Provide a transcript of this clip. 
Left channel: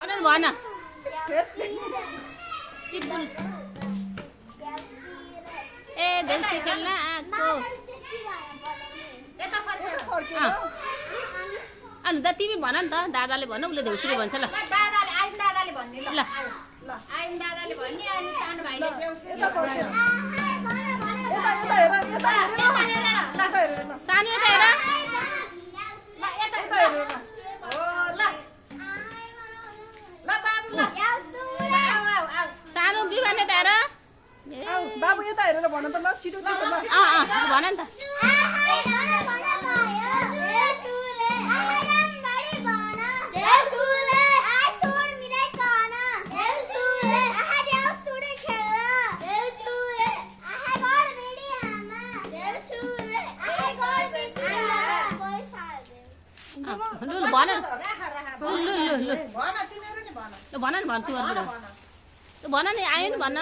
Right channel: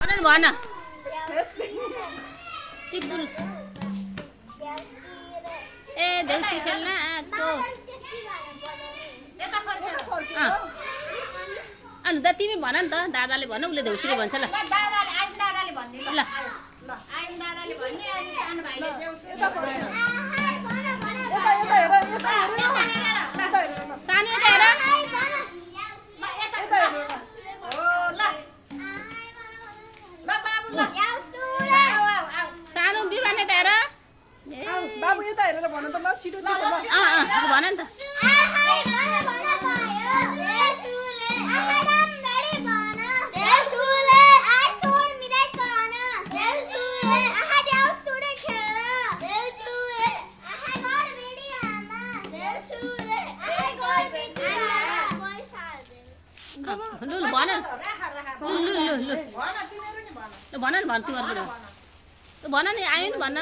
भन चिपुल ए देउसी खेल्न आएको अनि त तिमी भन नि त दादाले भन उसले देउसीले भन्छ ल ल सानो यता हेर सानो बिहान यता हेर बाबु यता हेरेर भन त ल छिटो छिटो ल भन नि त लु भन लु भन नि भन तिमीहरूबाट भन नि आयो नि भन